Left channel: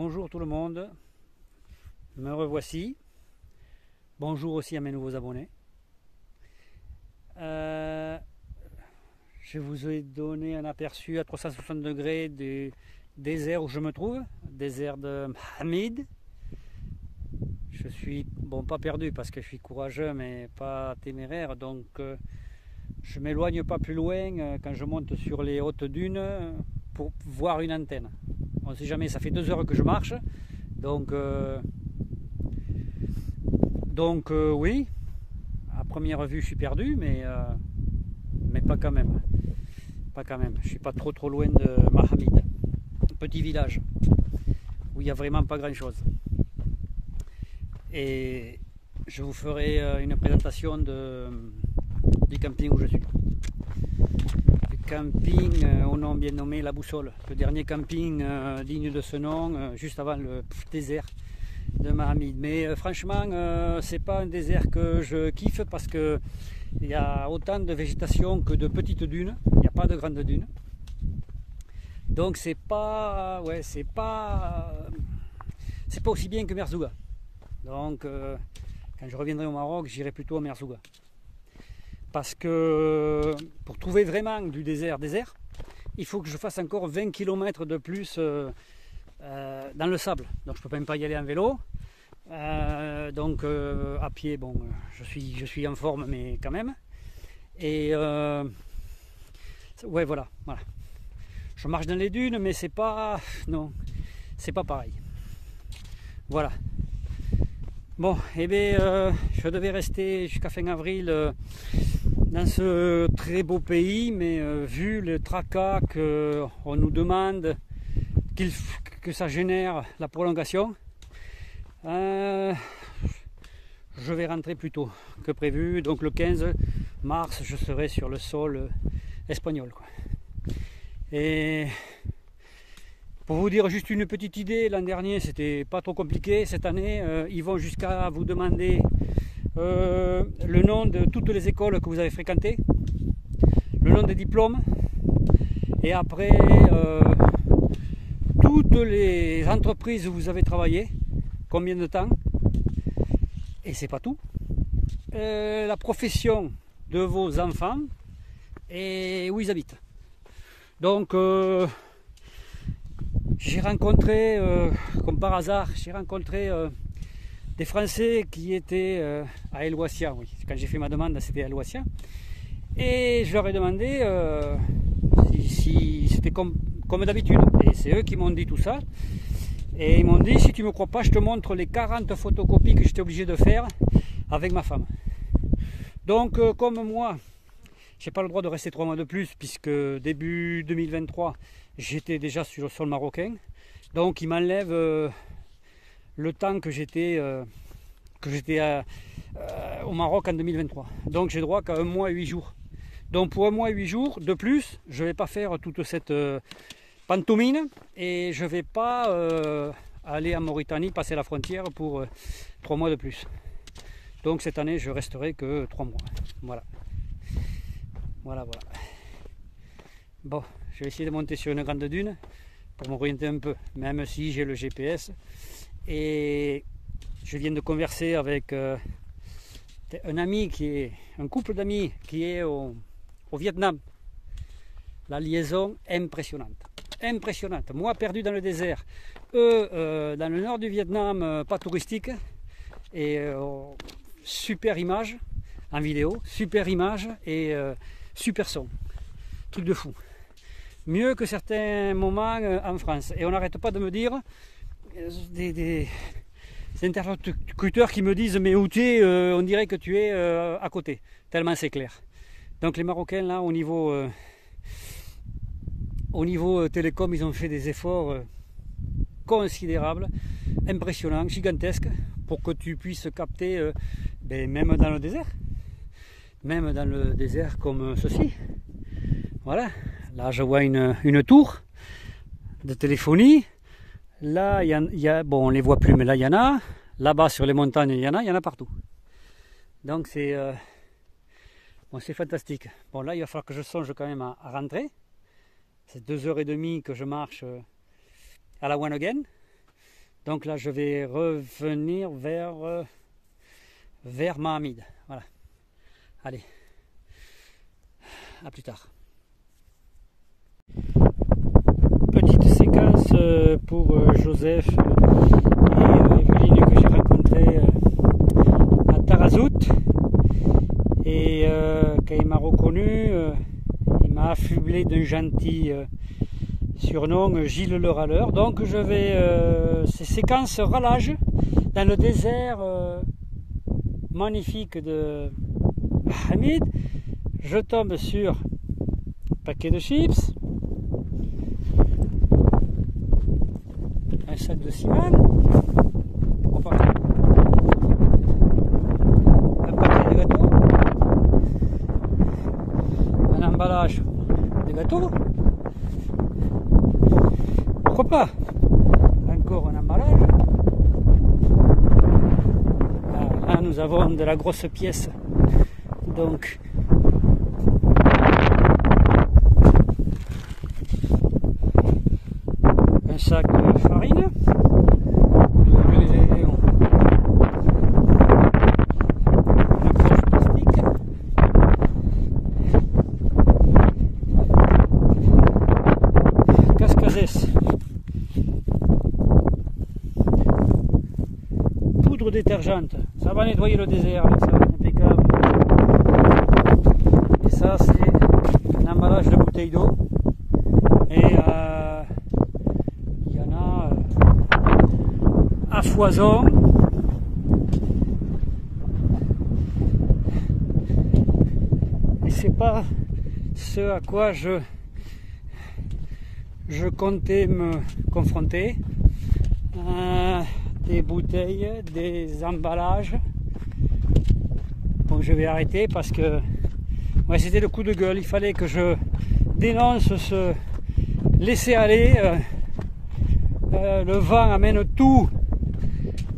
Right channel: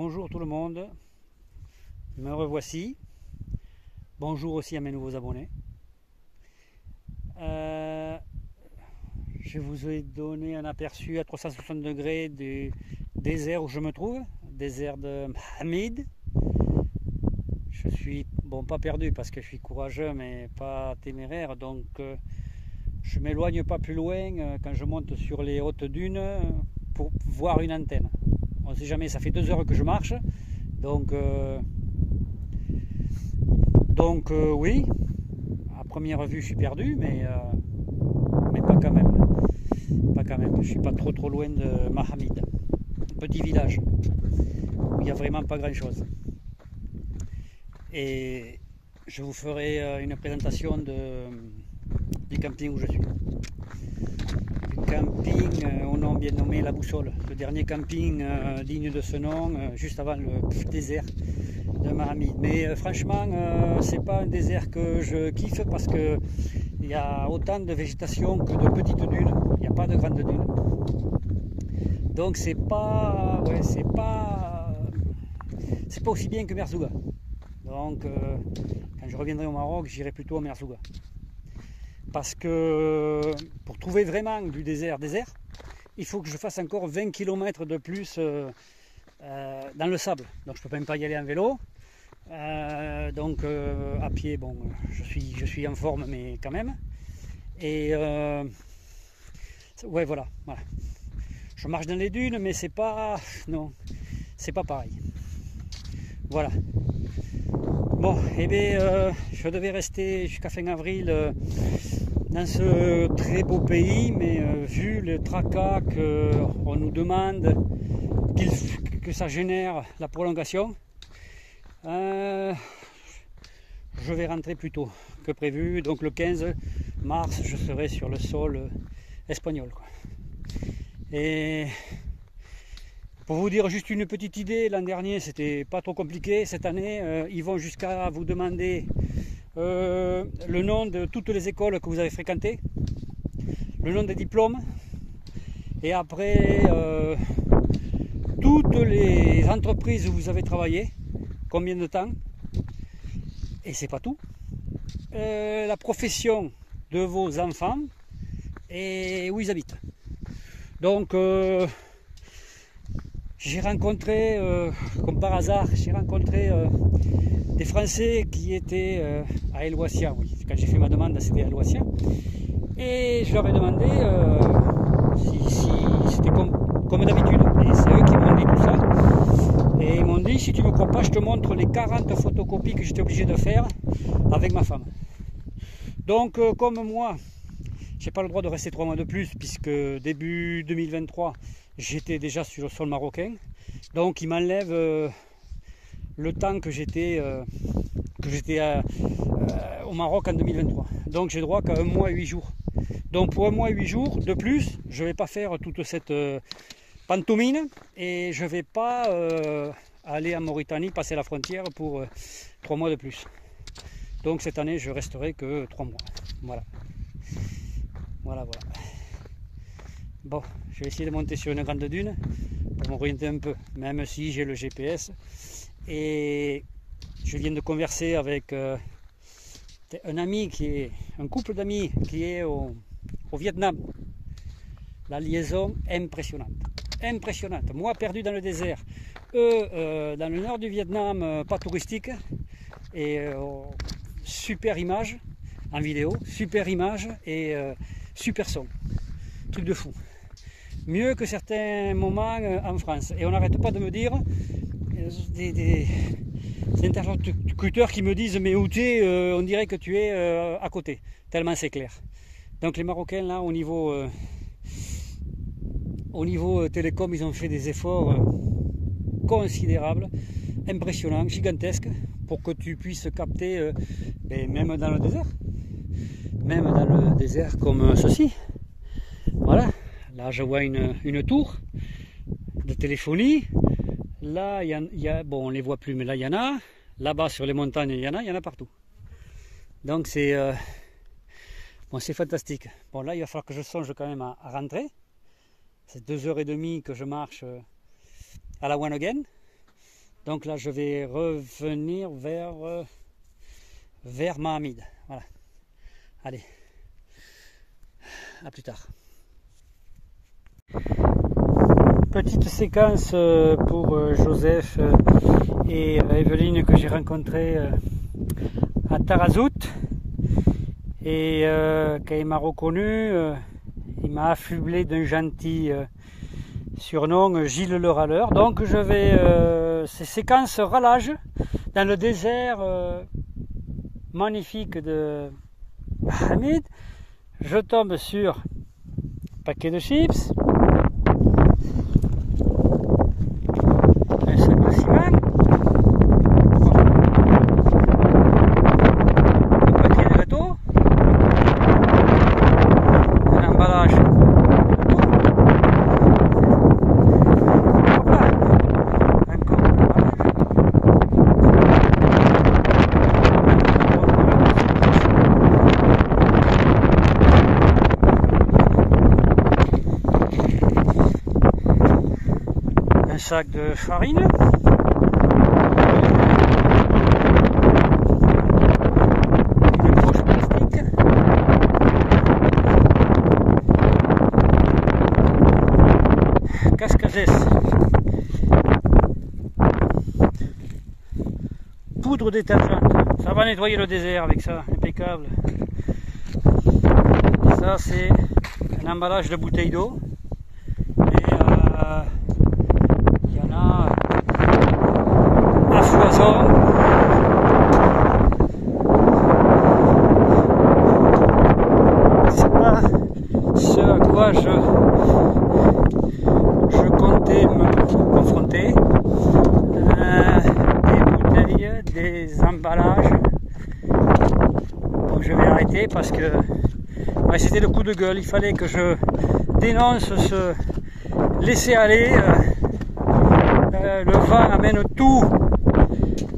Bonjour tout le monde, me revoici. Bonjour aussi à mes nouveaux abonnés. Je vous ai donné un aperçu à 360 degrés du désert où je me trouve, désert de Mohamed. Je suis, bon, pas perdu parce que je suis courageux mais pas téméraire, donc je m'éloigne pas plus loin quand je monte sur les hautes dunes pour voir une antenne. On ne sait jamais, ça fait 2 heures que je marche, donc oui, à première vue je suis perdu, mais pas quand même. Pas quand même. Je suis pas trop loin de Mohamed, petit village où il n'y a vraiment pas grand chose. Et je vous ferai une présentation du camping où je suis. Du camping au nom bien nommé La Boussole, le dernier camping digne de ce nom, juste avant le désert de Mohamed. Mais franchement, c'est pas un désert que je kiffe parce que il y a autant de végétation que de petites dunes. Il n'y a pas de grandes dunes. Donc c'est pas aussi bien que Merzouga. Donc quand je reviendrai au Maroc, j'irai plutôt à Merzouga. Parce que pour trouver vraiment du désert, il faut que je fasse encore 20 km de plus dans le sable. Donc je ne peux même pas y aller en vélo. À pied, bon, je suis en forme, mais quand même. Et ouais, voilà. Je marche dans les dunes, mais c'est pas, non, c'est pas pareil. Voilà. Bon, et bien, je devais rester jusqu'à fin avril dans ce très beau pays, mais vu le tracas qu'on nous demande que ça génère la prolongation, je vais rentrer plus tôt que prévu. Donc le 15 mars, je serai sur le sol espagnol, quoi. Et pour vous dire juste une petite idée, l'an dernier c'était pas trop compliqué. Cette année, ils vont jusqu'à vous demander le nom de toutes les écoles que vous avez fréquentées, le nom des diplômes, et après toutes les entreprises où vous avez travaillé, combien de temps, et c'est pas tout, la profession de vos enfants et où ils habitent. Donc j'ai rencontré, comme par hasard, des Français qui étaient à El Ouassia. Oui, quand j'ai fait ma demande, c'était à El Ouassia. Et je leur ai demandé si c'était comme d'habitude. Et c'est eux qui m'ont dit tout ça. Et ils m'ont dit, si tu ne me crois pas, je te montre les 40 photocopies que j'étais obligé de faire avec ma femme. Donc comme moi, j'ai pas le droit de rester 3 mois de plus, puisque début 2023, j'étais déjà sur le sol marocain. Donc ils m'enlèvent le temps que j'étais au Maroc en 2023. Donc j'ai droit qu'à 1 mois et 8 jours. Donc pour 1 mois et 8 jours de plus, je ne vais pas faire toute cette pantomime et je ne vais pas aller en Mauritanie, passer la frontière pour 3 mois de plus. Donc cette année, je resterai que 3 mois. Voilà. Bon, je vais essayer de monter sur une grande dune pour m'orienter un peu, même si j'ai le GPS. Et je viens de converser avec un couple d'amis qui est au Vietnam. La liaison impressionnante. Moi perdu dans le désert, eux dans le nord du Vietnam, pas touristique, et super image en vidéo, super image et super son. Truc de fou. Mieux que certains moments en France. Et on n'arrête pas de me dire des interlocuteurs qui me disent mais où tu es, on dirait que tu es à côté, tellement c'est clair. Donc les Marocains là au niveau télécom, ils ont fait des efforts considérables, impressionnants, gigantesques, pour que tu puisses capter même dans le désert comme ceci. Voilà, là je vois une tour de téléphonie. Là, bon, on ne les voit plus, mais là, il y en a. Là-bas, sur les montagnes, il y en a partout. Donc, c'est fantastique. Bon, là, il va falloir que je songe quand même à rentrer. C'est 2 heures et demie que je marche à la One Again. Donc là, je vais revenir vers Mahamid. Voilà. Allez, à plus tard. Petite séquence pour Joseph et Evelyne que j'ai rencontrés à Tarazout. Et quand il m'a reconnu, il m'a affublé d'un gentil surnom Gilles le Râleur. Donc je vais, ces séquences rallage dans le désert magnifique de Hamid. Je tombe sur un paquet de chips, un sac de ciment, un paquet de gâteaux, un emballage de gâteaux, hop là, encore un emballage. Là, nous avons de la grosse pièce. Un sac de farine, une poche plastique, cascazès, poudre détergente, ça va nettoyer le désert avec ça, impeccable. Et ça c'est un emballage de bouteilles d'eau. Et il y en a à foison. C'est pas ce à quoi je comptais me confronter. Des bouteilles, des emballages. Donc je vais arrêter parce que ouais, c'était le coup de gueule. Il fallait que je dénonce ce laisser aller. Le vent amène tout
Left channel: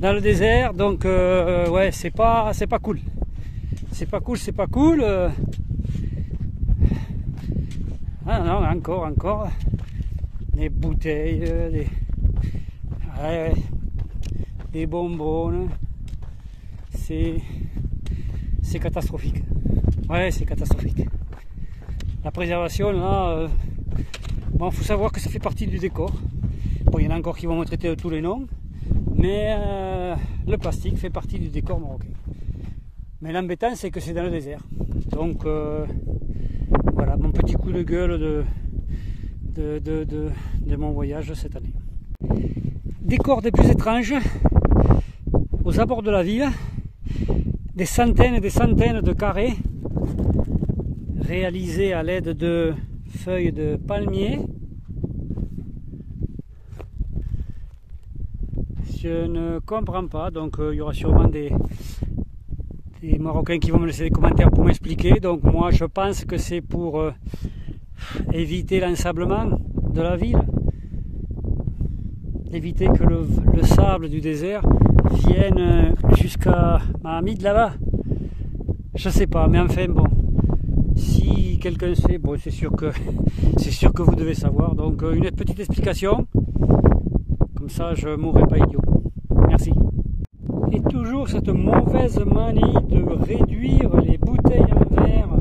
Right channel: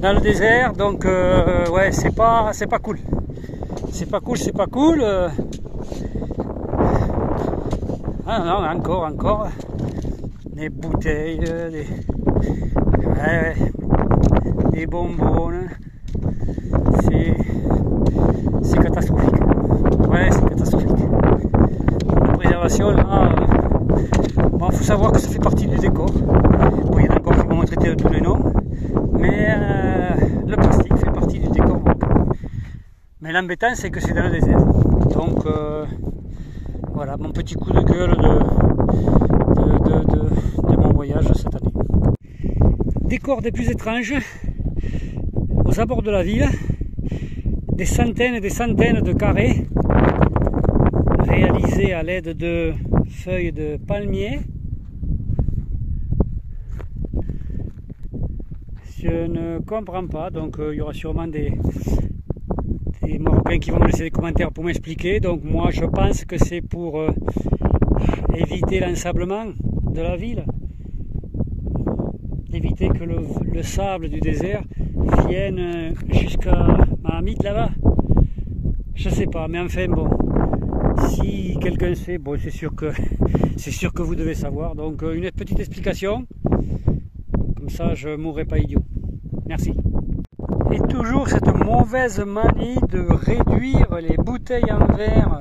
dans le désert, donc ouais, c'est pas cool. C'est pas cool. Ah non, encore des bouteilles, des bonbons. C'est catastrophique. Ouais, c'est catastrophique. La préservation là. Bon, faut savoir que ça fait partie du décor. Bon, il y en a encore qui vont me traiter de tous les noms, mais le plastique fait partie du décor marocain. Mais l'embêtant, c'est que c'est dans le désert. Donc, voilà, mon petit coup de gueule de mon voyage cette année. Décor des plus étranges, aux abords de la ville, des centaines et des centaines de carrés, réalisés à l'aide de feuilles de palmier. Je ne comprends pas, donc il y aura sûrement des Marocains qui vont me laisser des commentaires pour m'expliquer. Donc moi je pense que c'est pour éviter l'ensablement de la ville, éviter que le sable du désert vienne jusqu'à Mahamid là-bas. Je sais pas, mais enfin bon. Si quelqu'un sait, bon, c'est sûr que vous devez savoir. Donc une petite explication, comme ça je ne mourrai pas idiot. Merci. Et toujours cette mauvaise manie de réduire les bouteilles en verre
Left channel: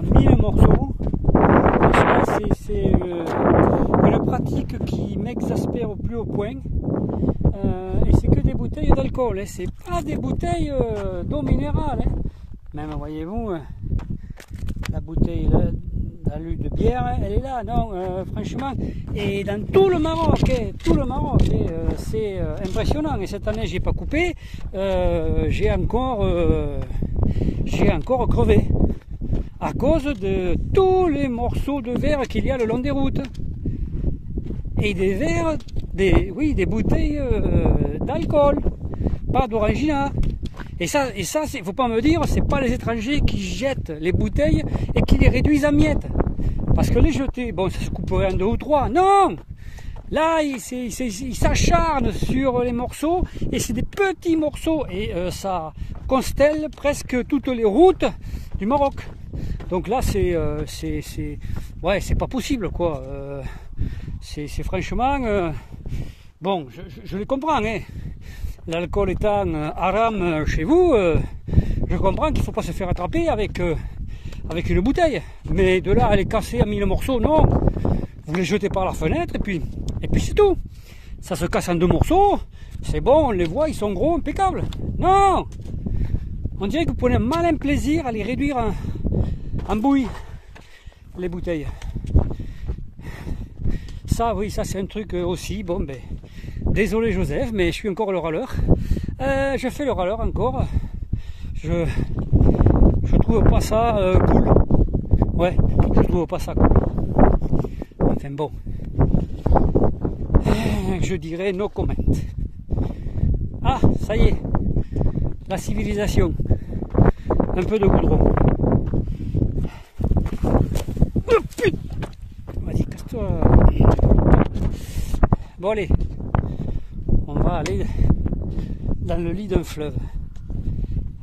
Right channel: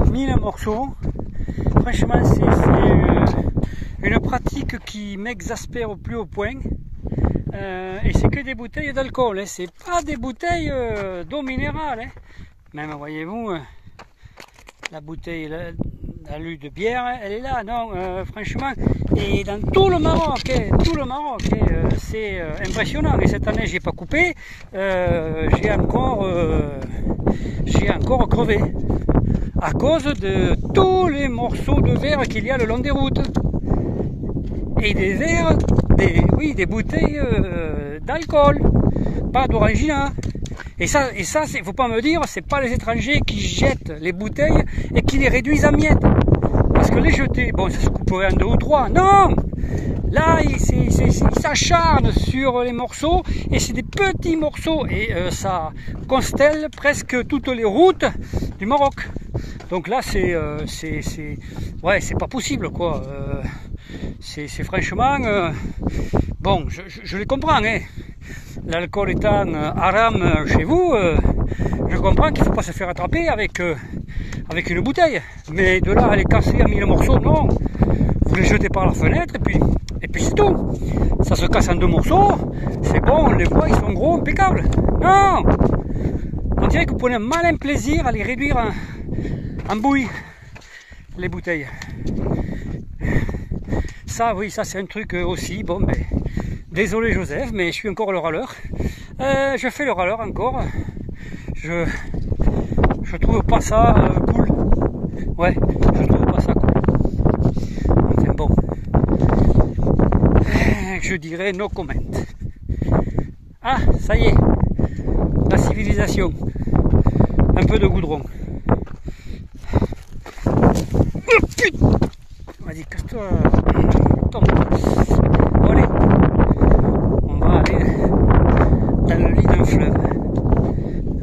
à 1000 morceaux. Franchement, c'est une pratique qui m'exaspère au plus haut point. Et c'est que des bouteilles d'alcool, hein. C'est pas des bouteilles d'eau minérale. Hein. Même, voyez-vous, la bouteille d'alu de bière, elle est là, non, franchement. Et dans tout le Maroc, c'est impressionnant. Et cette année, j'ai pas coupé, j'ai encore crevé à cause de tous les morceaux de verre qu'il y a le long des routes. Et des verres, des bouteilles d'alcool, pas d'orangina. Et ça, faut pas me dire, c'est pas les étrangers qui jettent les bouteilles et qui les réduisent en miettes. Parce que les jeter, bon, ça se couperait en 2 ou 3. Non! Là, ils s'acharnent sur les morceaux et c'est des petits morceaux et ça constelle presque toutes les routes du Maroc. Donc là, ouais, c'est pas possible, quoi. C'est franchement, Bon, je les comprends, hein. L'alcool étant haram chez vous, je comprends qu'il ne faut pas se faire attraper avec une bouteille. Mais de là à les casser en 1000 morceaux, non. Vous les jetez par la fenêtre et puis c'est tout. Ça se casse en 2 morceaux, c'est bon, on les voit, ils sont gros, impeccables. Non! On dirait que vous prenez un malin plaisir à les réduire en bouillie, les bouteilles. Ça, oui, ça c'est un truc aussi, bon ben, désolé Joseph, mais je suis encore le râleur. Je fais le râleur encore. Je trouve pas ça cool. Ouais, je trouve pas ça cool. Enfin bon. Je dirais no comment. Ah, ça y est. La civilisation. Un peu de goudron. Oh putain! Vas-y, casse-toi. Bon allez. On va aller dans le lit d'un fleuve.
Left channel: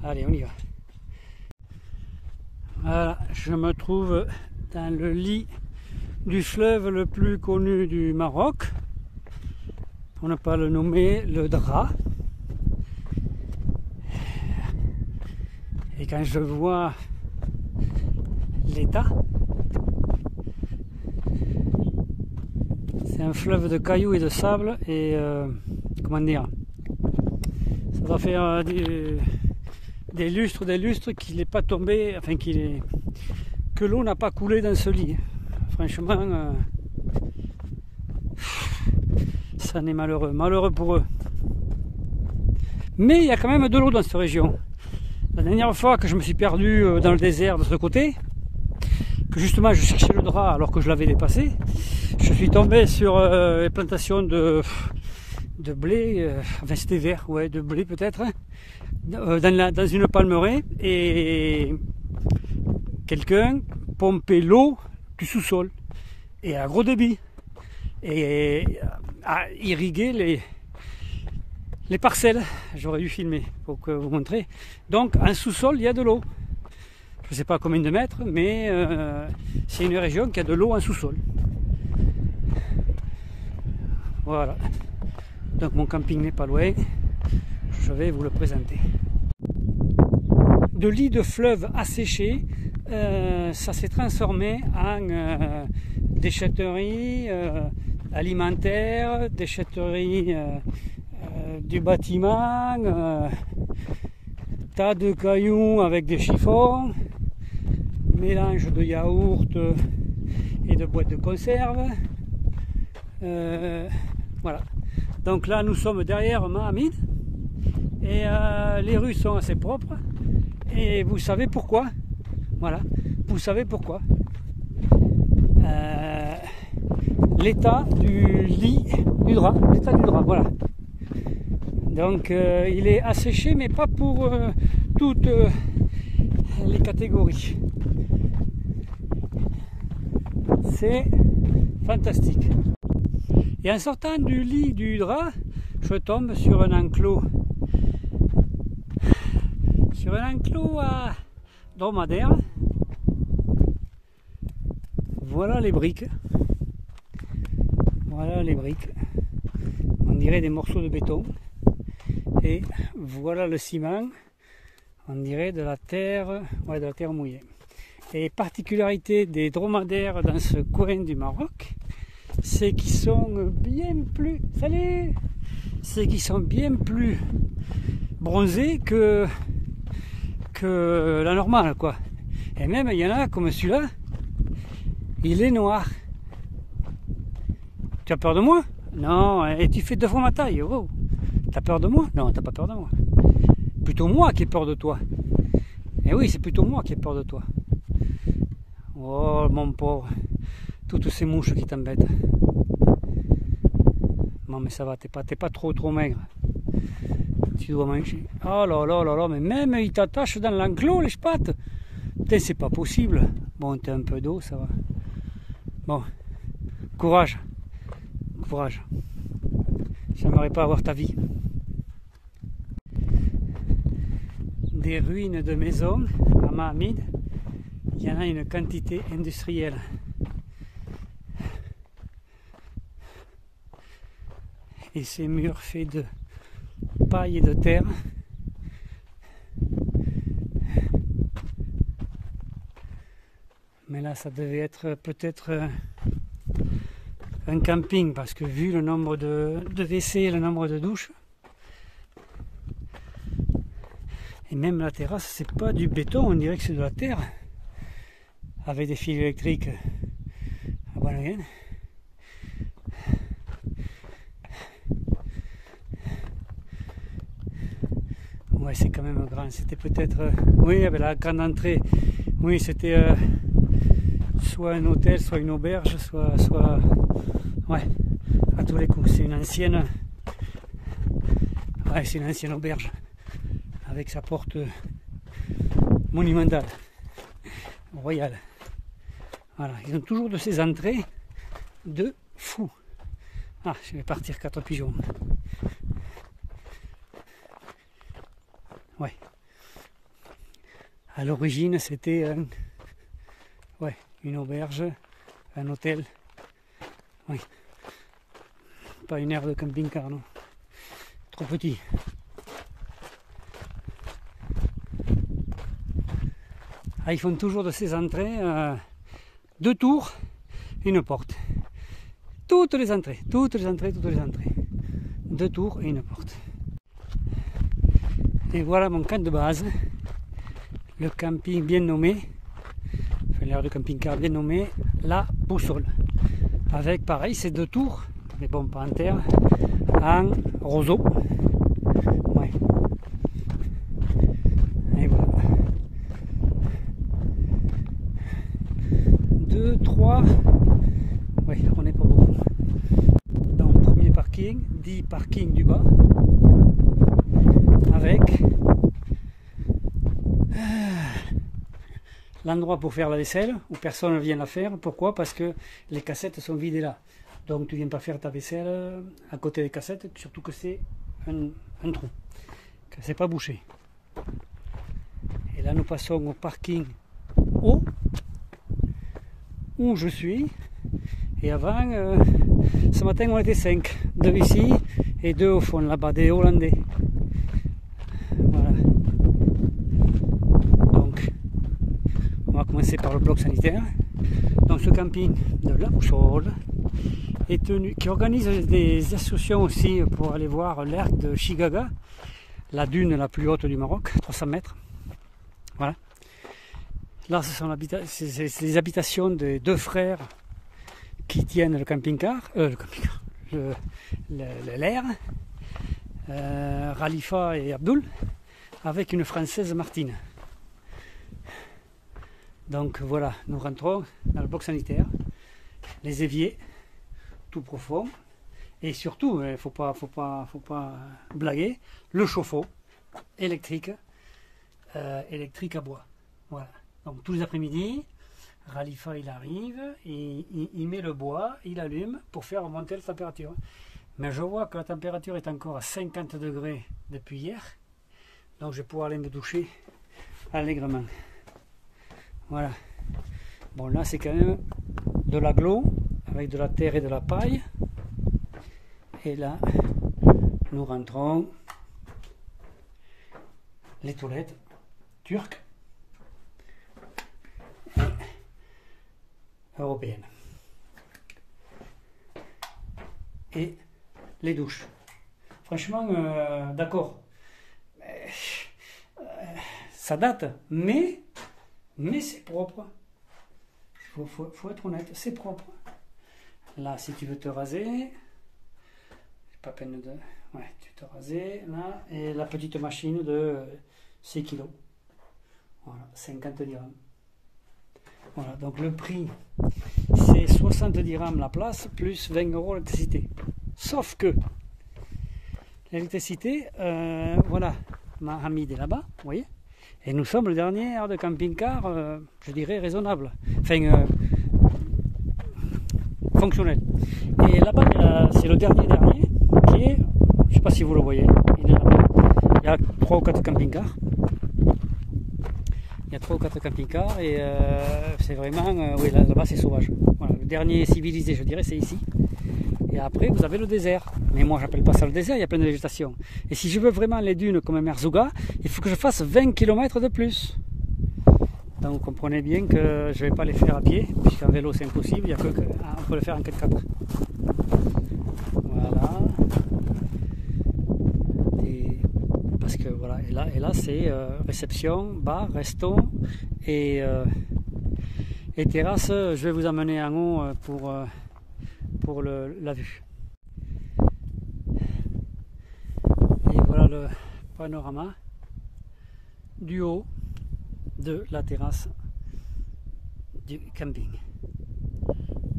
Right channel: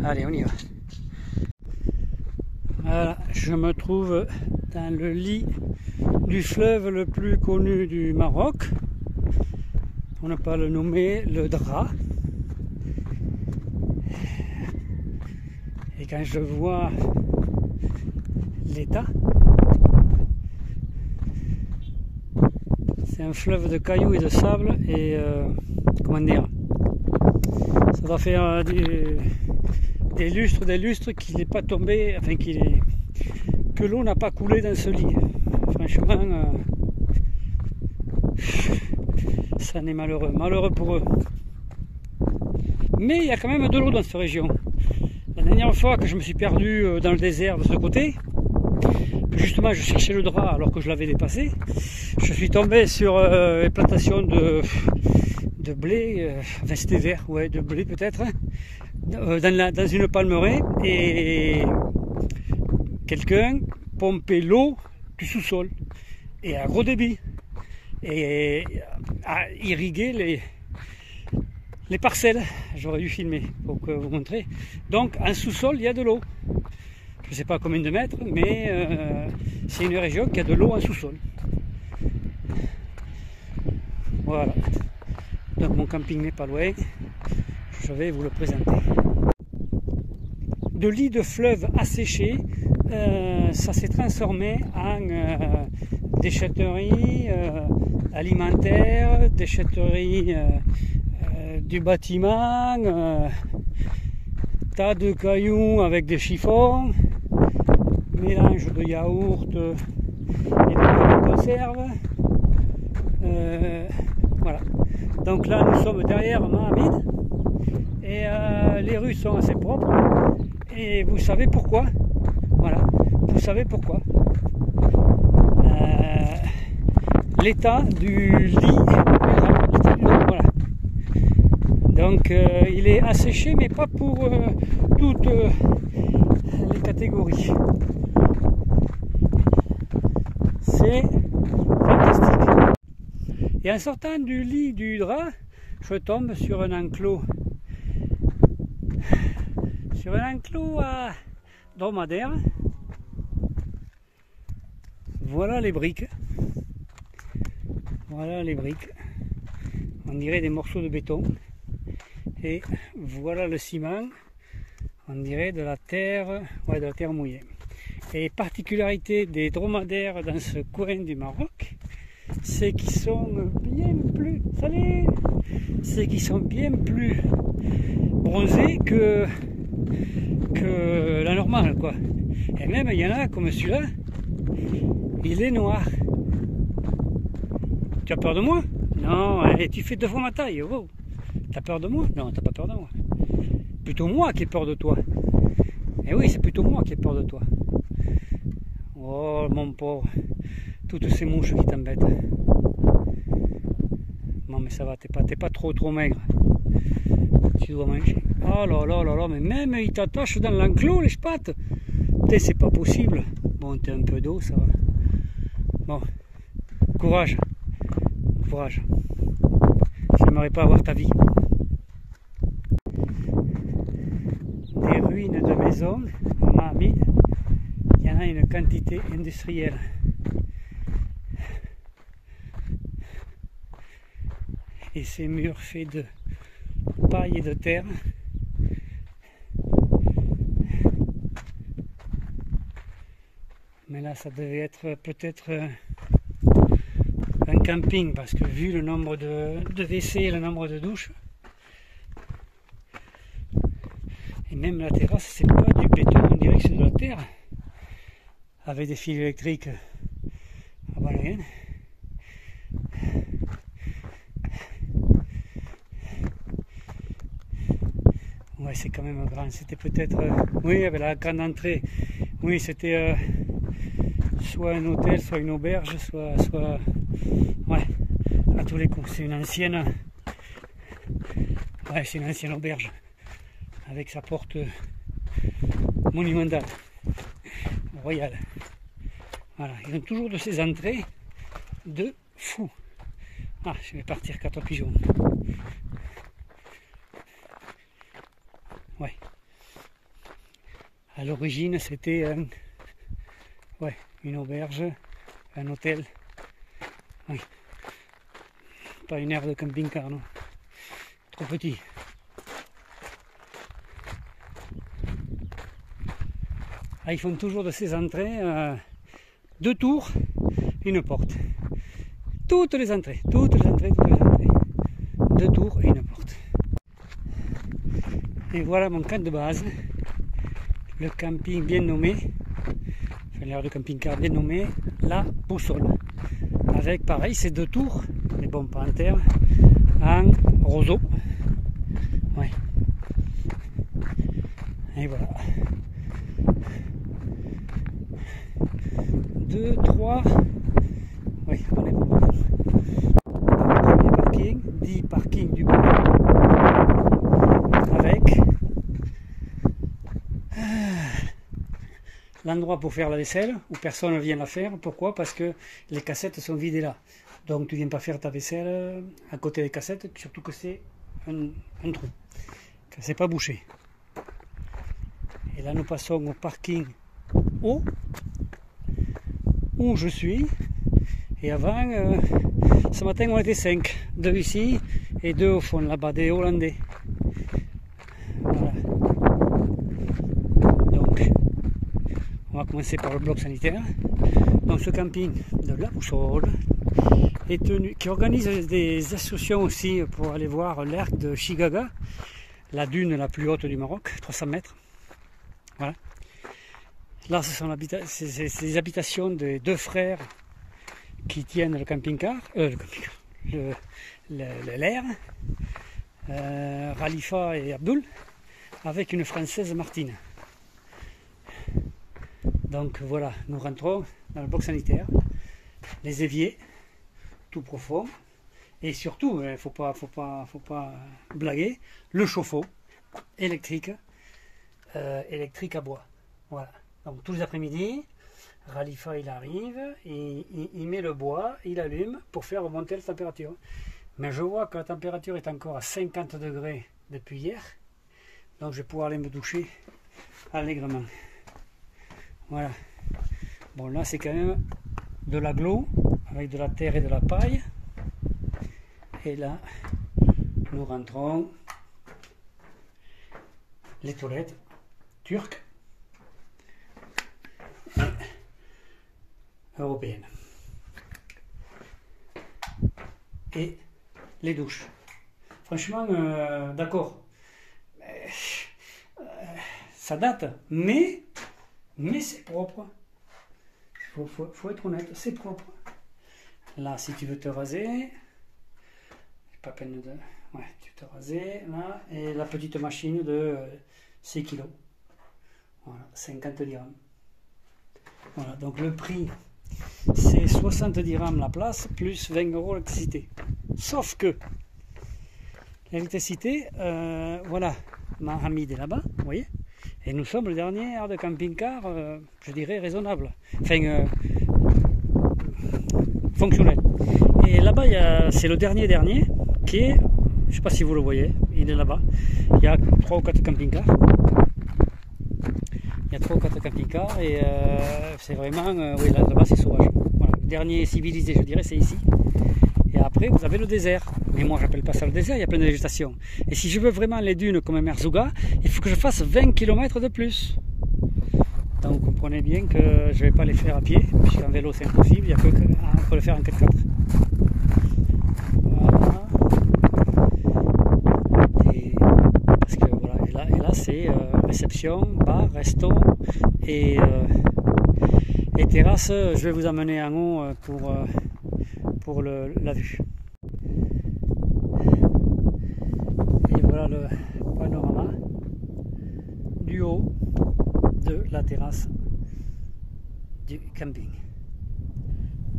Allez, on y va. Voilà, je me trouve dans le lit du fleuve le plus connu du Maroc, pour ne pas le nommer, le Dra. Et quand je vois l'état, c'est un fleuve de cailloux et de sable et comment dire, ça doit faire des lustres qu'il n'est pas tombé, enfin que l'eau n'a pas coulé dans ce lit. Franchement, ça n'est malheureux pour eux. Mais il y a quand même de l'eau dans cette région. La dernière fois que je me suis perdu dans le désert de ce côté, que justement je cherchais le Dra alors que je l'avais dépassé, je suis tombé sur les plantations de blé, enfin c'était vert, ouais, de blé peut-être, hein, dans une palmeraie, et quelqu'un pompait l'eau du sous-sol et à gros débit et à irriguer les parcelles. J'aurais dû filmer pour vous montrer. Donc en sous-sol il y a de l'eau. Je ne sais pas combien de mètres, mais c'est une région qui a de l'eau en sous-sol. Voilà. Donc mon camping n'est pas loin. Je vais vous le présenter. De lit de fleuve asséché, ça s'est transformé en déchetterie alimentaire, déchetterie du bâtiment, tas de cailloux avec des chiffons, mélange de yaourt et de conserve. Voilà. Donc là nous sommes derrière Mahamid et les rues sont assez propres et vous savez pourquoi. Voilà, vous savez pourquoi. L'état du lit du drap, voilà. Donc il est asséché mais pas pour toutes les catégories. C'est fantastique. Et en sortant du lit du drap, je tombe sur un enclos. Sur un enclos à dromadaire. Voilà les briques. Voilà les briques. On dirait des morceaux de béton. Et voilà le ciment. On dirait de la terre, ouais, de la terre mouillée. Et particularité des dromadaires dans ce coin du Maroc, c'est qu'ils sont bien plus, c'est qu'ils sont bien plus bronzés que la normale, quoi. Et même il y en a comme celui-là, il est noir. Tu as peur de moi? Non, et tu fais 2 fois ma taille. Oh. T'as peur de moi? Non, t'as pas peur de moi. Plutôt moi qui ai peur de toi. Et oui, c'est plutôt moi qui ai peur de toi. Oh mon pauvre, toutes ces mouches qui t'embêtent. Non mais ça va, t'es pas trop maigre. Tu dois manger. Oh là là là là, mais même ils t'attachent dans l'enclos les spates. C'est pas possible. Bon, t'as un peu d'eau, ça va. Bon, courage. Courage. J'aimerais pas avoir ta vie. Des ruines de maisons, comme à Mahamid, il y en a une quantité industrielle. et ces murs faits de paille et de terre. Mais là, ça devait être peut-être un camping, parce que vu le nombre de WC et le nombre de douches, et même la terrasse, c'est pas du béton, on dirait que c'est de la terre, avec des fils électriques à Balaguer. Ouais, c'est quand même grand. C'était peut-être, oui, avec la grande entrée. Oui, c'était soit un hôtel, soit une auberge, soit, ouais, à tous les coups. C'est une ancienne, ouais, c'est une ancienne auberge avec sa porte monumentale, royale. Voilà, ils ont toujours de ces entrées de fou. Ah, je vais partir 4 pigeons. Ouais. À l'origine, c'était ouais, une auberge, un hôtel. Oui. Pas une aire de camping-car, non. Trop petit. Ah, ils font toujours de ces entrées 2 tours, une porte. Toutes les entrées, toutes les entrées, toutes les entrées. 2 tours et une porte. Et voilà mon camp de base, le camping bien nommé, enfin l'aire de camping-car bien nommé, la Boussole. Avec pareil, ces 2 tours, mais bon pas en terre, en roseau. Ouais. Et voilà. 2, 3, oui, on est pas bon. Premier parking, 10 parkings du bas. Avec l'endroit pour faire la vaisselle, où personne ne vient la faire. Pourquoi? Parce que les cassettes sont vidées là. Donc tu ne viens pas faire ta vaisselle à côté des cassettes, surtout que c'est un trou, que c'est pas bouché. Et là nous passons au parking haut, où je suis. Et avant, ce matin on était 5, 2 ici et 2 au fond là-bas, des Hollandais. Voilà. Donc, on va commencer par le bloc sanitaire. Donc ce camping de la Boussole est tenu, qui organise des excursions aussi pour aller voir l'arc de Chigaga, la dune la plus haute du Maroc, 300 mètres. Voilà. Là, c'est les habitations des 2 frères qui tiennent le camping-car, l'air, Khalifa et Abdul, avec une Française, Martine. Donc voilà, nous rentrons dans le bloc sanitaire, les éviers, tout profond, et surtout, il ne faut pas blaguer, le chauffe-eau électrique, électrique à bois. Voilà. Donc tous les après-midi, Khalifa il arrive, et il met le bois, il allume pour faire remonter la température. Mais je vois que la température est encore à 50 degrés depuis hier, donc je vais pouvoir aller me doucher allègrement. Voilà. Bon là c'est quand même de l'agglo avec de la terre et de la paille. Et là nous rentrons les toilettes turques et européennes. Et les douches. Franchement, d'accord. Ça date, mais c'est propre. Faut être honnête, c'est propre. Là, si tu veux te raser, c'est pas peine de... Ouais, tu te raser, là, et la petite machine de 6 kg. Voilà, 50 dirhams. Voilà, donc le prix, c'est 70 dirhams la place, plus 20 € l'électricité. Sauf que, l'électricité, voilà, Mahamid est là-bas, vous voyez. Et nous sommes le dernier aire de camping-car, je dirais raisonnable, enfin fonctionnel. Et là-bas, c'est le dernier qui est, je ne sais pas si vous le voyez, il est là-bas. Il y a 3 ou 4 camping-cars. Il y a 3 ou 4 camping-cars et c'est vraiment, oui, là-bas c'est sauvage. Voilà, le dernier civilisé, je dirais, c'est ici. Et après, vous avez le désert. Mais moi, j'appelle pas ça le désert, il y a plein de végétation. Et si je veux vraiment les dunes comme Merzouga, il faut que je fasse 20 km de plus. Donc, vous comprenez bien que je ne vais pas les faire à pied, puisqu'en vélo, c'est impossible, il y a que on peut le faire en 4x4. Voilà. Et, parce que voilà, et là c'est réception, bar, resto et terrasse. Je vais vous amener en haut pour la vue. Et voilà le panorama du haut de la terrasse du camping.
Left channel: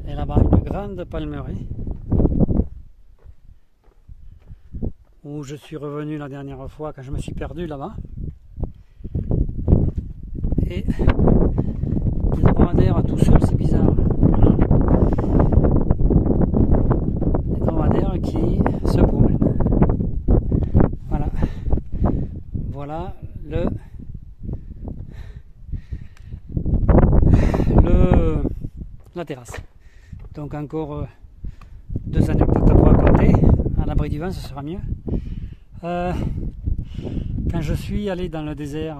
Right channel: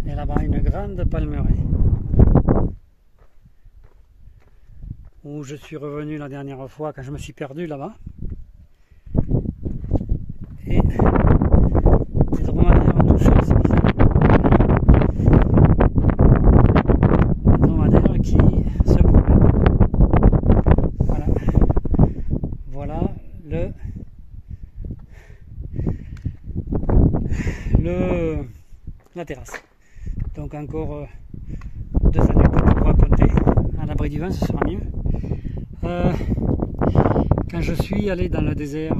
Et là-bas, une grande palmeraie où je suis revenu la dernière fois quand je me suis perdu là-bas. Et des dromadaires tout seuls, c'est bizarre. Des dromadaires qui se promènent. Voilà. Voilà la terrasse. Donc encore 2 anecdotes pour raconter. À l'abri du vent, ce sera mieux. Quand je suis allé dans le désert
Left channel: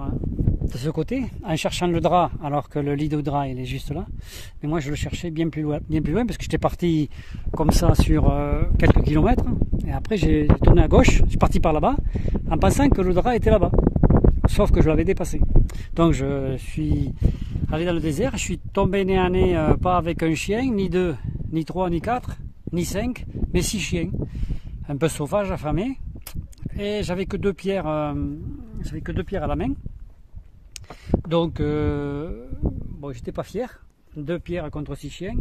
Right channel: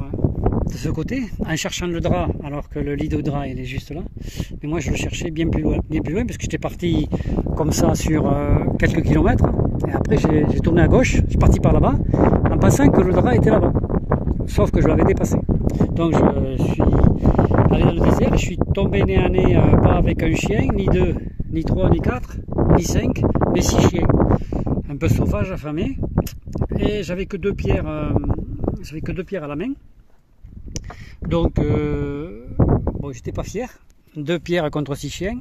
de ce côté, en cherchant le drap, alors que le lit de drap il est juste là, mais moi je le cherchais bien plus loin parce que j'étais parti comme ça sur quelques kilomètres, et après j'ai tourné à gauche, je suis parti par là-bas, en pensant que le drap était là-bas, sauf que je l'avais dépassé. Donc je suis allé dans le désert et je suis tombé nez à nez, pas avec un chien, ni 2, ni 3, ni 4, ni 5, mais 6 chiens, un peu sauvages, affamés. Et j'avais que 2 pierres, à la main. Donc, bon, j'étais pas fier. 2 pierres contre 6 chiens.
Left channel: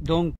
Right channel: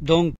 Donc,